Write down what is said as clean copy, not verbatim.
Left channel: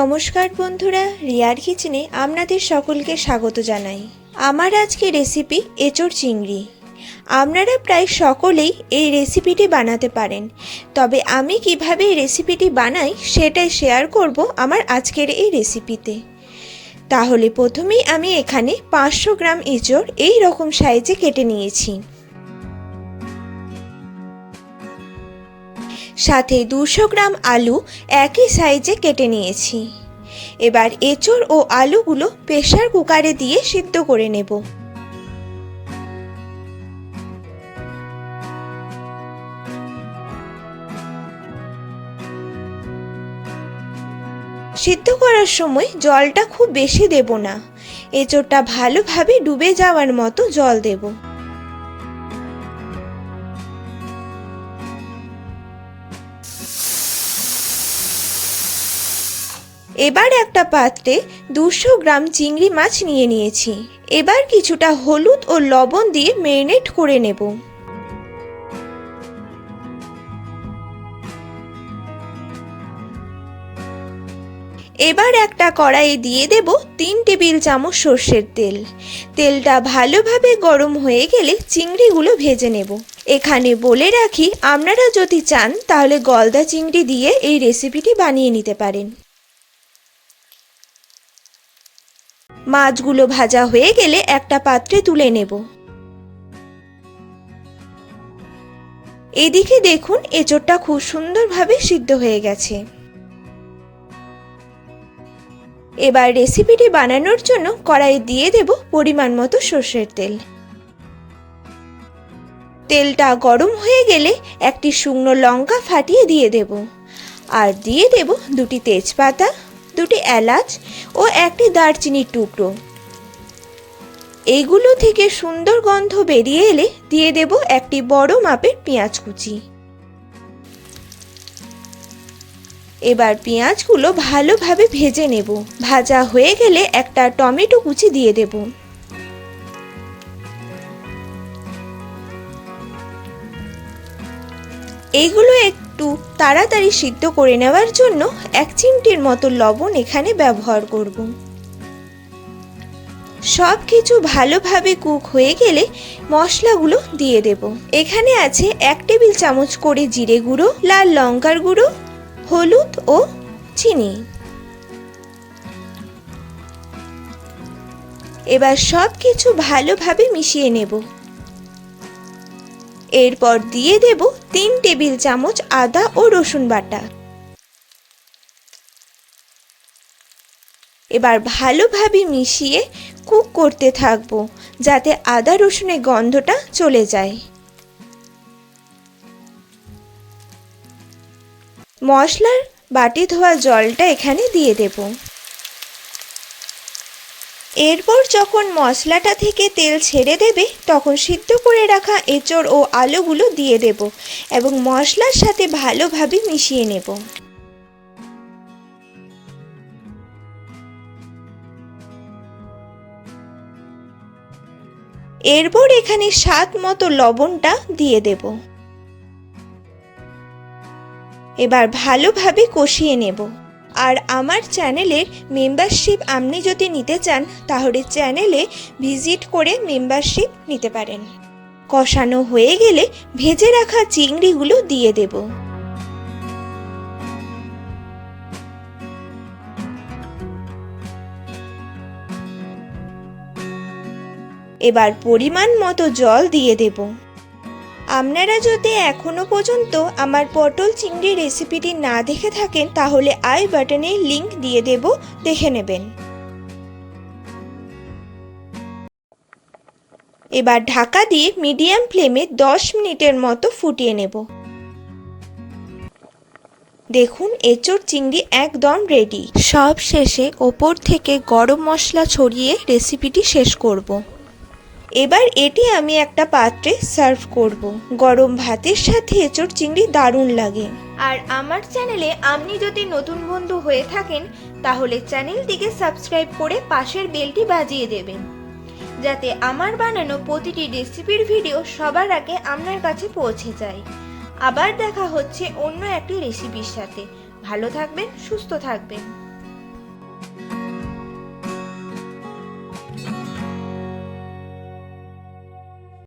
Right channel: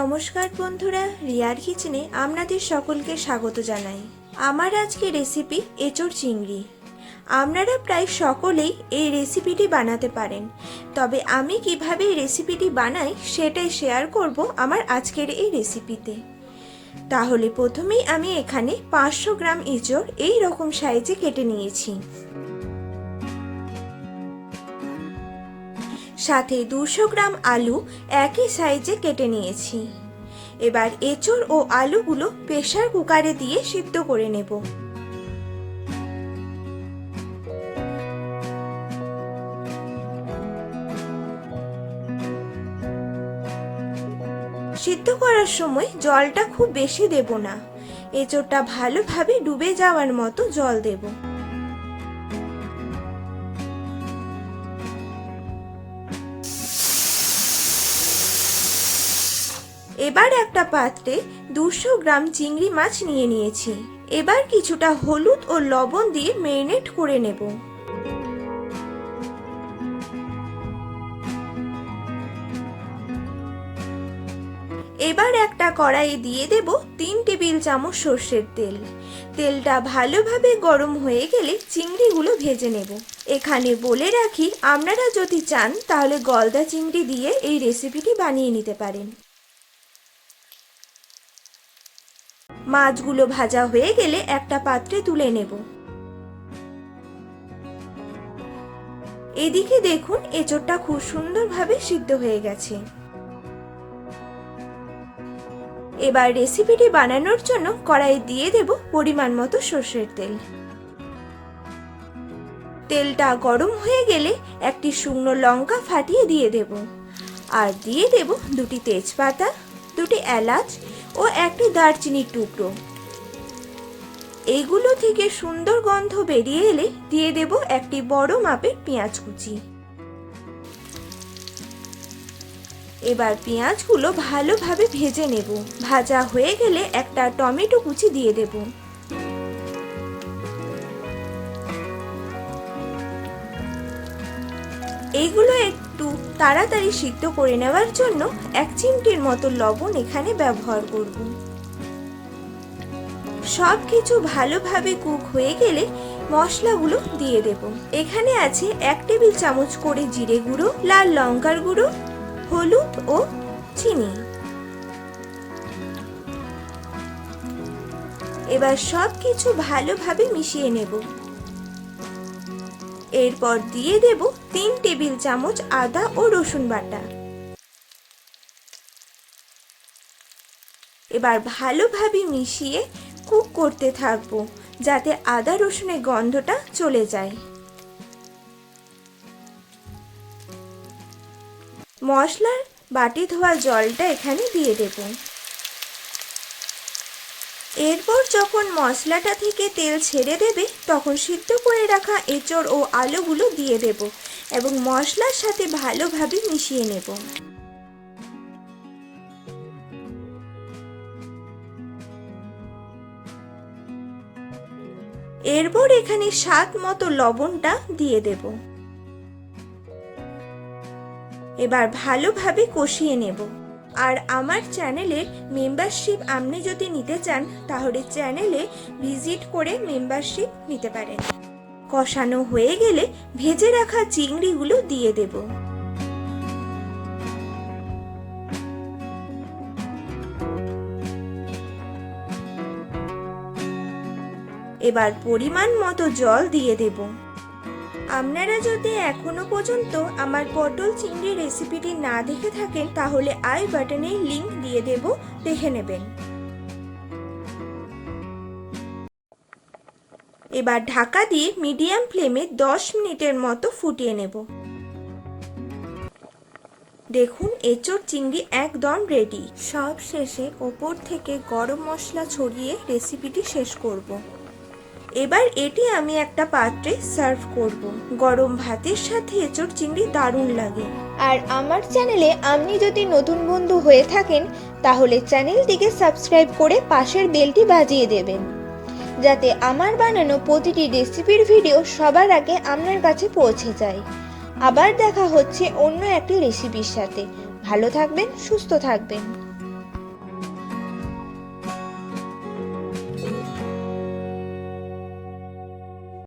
নমস্কার বন্ধুরা, রিয়ার কিচেনে আপনাদের সকলকে স্বাগত জানাই। আমার আজকে রেসিপি এঁচোড় চিংড়ি। আপনারা প্রায় সকলেই এই রেসিপিটি বানাতে পারেন, তবে আমি কিভাবে এই রেসিপিটি বানাই সেটাই শেয়ার করব আমার আজকের এই রেসিপিতে। তাহলে প্রথমেই আমি এখানে 500 গ্রাম এঁচোড় এই রকম সাইজে কেটে নিয়েছি। সাথে 200 গ্রাম আলু একই সাইজে কেটে নিয়েছি। এবার এঁচোড় ও আলুগুলো প্রেসার কুকারে দিয়ে সিদ্ধ করে নেব। সিদ্ধ করার সময় জলটা খুব বেশি দেব না, এঁচোড়টা ভালোভাবে ডুবে যাওয়ার মতো জল দেব। এবার একটা পাত্রে 200 গ্রাম চিংড়ি মাছ নিয়ে নিয়েছি। এবার কিছুটা হলুদ ও লবণ দিয়ে ম্যারিনেট করে নেব। এবার একটা কড়াইয়ে দিয়ে দেব 3 টেবিল চামচ সর্ষের তেল। তেলটা ভালোভাবে গরম হয়ে গেলে চিংড়িগুলো ভেজে নেব। এখানে বলে রাখি, আপনারা যদি চান তাহলে গলদা চিংড়ি দিয়ে এই রেসিপিটি বানিয়ে নিতে পারেন। মাছগুলো ভাজা হয়ে গেলে একটা পাত্রে তুলে নেব। এদিকে দেখুন, এঁচোড়টা খুব সুন্দরভাবে সিদ্ধ হয়ে গেছে। এবার রেসিপিটি বানানোর জন্য কড়াই দিয়ে দেব পরিমাণ মতো সর্ষের তেল। তেলটা গরম হয়ে গেলে একটি শুকনো লঙ্কা ফাটিয়ে দিয়ে দেব, আর দিয়ে দেব 2টি তেজপাতা, 2টি এলাচ ও একটি দারচিনির টুকরো। এইগুলো থেকে সুন্দর গন্ধ বেরিয়ে এলে দিয়ে দেব একটি বড় মাপের পেঁয়াজ কুচি। এবার পেঁয়াজগুলো ভালোভাবে ভেজে নেব। ভাজা হয়ে গেলে একটা টমেটো কুচি দিয়ে দেব। এইগুলো একটু তাড়াতাড়ি সিদ্ধ করে নেওয়ার জন্য 1 চিমটির মতো লবণ এখানে ব্যবহার করব। সব কিছু ভালোভাবে কুক হয়ে গেলে মশলাগুলো দিয়ে দেব। এখানে আছে 1 টেবিল চামচ করে জিরে গুঁড়ো, লাল লঙ্কার গুঁড়ো, হলুদ ও চিনি। এবার সব কিছু ভালোভাবে মিশিয়ে নেব। এরপর দিয়ে দেব 3 টেবিল চামচ আদা ও রসুন বাটা। এবার ভালোভাবে মিশিয়ে কুক করতে থাকবো, যাতে আদা রসুনের গন্ধটা চলে যায়। মশলার বাটি ধোয়া জলটা এখানে দিয়ে দেব। এরপর যখন মশলাটা থেকে তেল ছেড়ে দেবে, তখন সিদ্ধ করে রাখা এঁচোড় ও আলুগুলো দিয়ে দেব এবং মশলার সাথে ভালোভাবে মিশিয়ে নেব। এরপর এখানে স্বাদ মতো লবণটা দিয়ে দেব। এবার ভালোভাবে কষিয়ে নেব। আর আমার চ্যানেলের মেম্বারশিপ আপনি যদি নিতে চান তাহলে চ্যানেলে ভিজিট করে মেম্বারশিপ নিতে পারেন। কষানো হয়ে গেলে ভেজে রাখা চিংড়িগুলো দিয়ে দেব। এবার পরিমাণ মতো জল দিয়ে দেব। আপনারা যদি এখনো পর্যন্ত আমার পটল চিংড়ি রেসিপিটি না দেখে থাকেন তাহলে আই বাটনের লিংক দিয়ে দেব, দেখে নেবেন। এবার ঢাকা দিয়ে মিডিয়াম ফ্লেমে 10 মিনিটের মতো ফুটিয়ে নেব। দেখুন, এঁচোড় চিংড়ি একদম রেডি। সব শেষে ওপর থেকে গরম মশলা ছড়িয়ে রেসিপিটি শেষ করব। এবার এটি আমি একটা পাত্রে সার্ভ করব। গরম ভাতের সাথে এঁচোড় চিংড়ি দারুণ লাগে। আর আমার চ্যানেলে আপনি যদি নতুন বন্ধু হয়ে থাকেন তাহলে চ্যানেলটিকে সাবস্ক্রাইব করে পাশের বেলটি বাজিয়ে দেবেন, যাতে আমার বানানো প্রতিটি রেসিপির ভিডিও সবার আগে আপনার কাছে পৌঁছে যায়। আবার দেখা হচ্ছে অন্য একটি রেসিপির সাথে। ভালো থাকবেন, সুস্থ থাকবেন।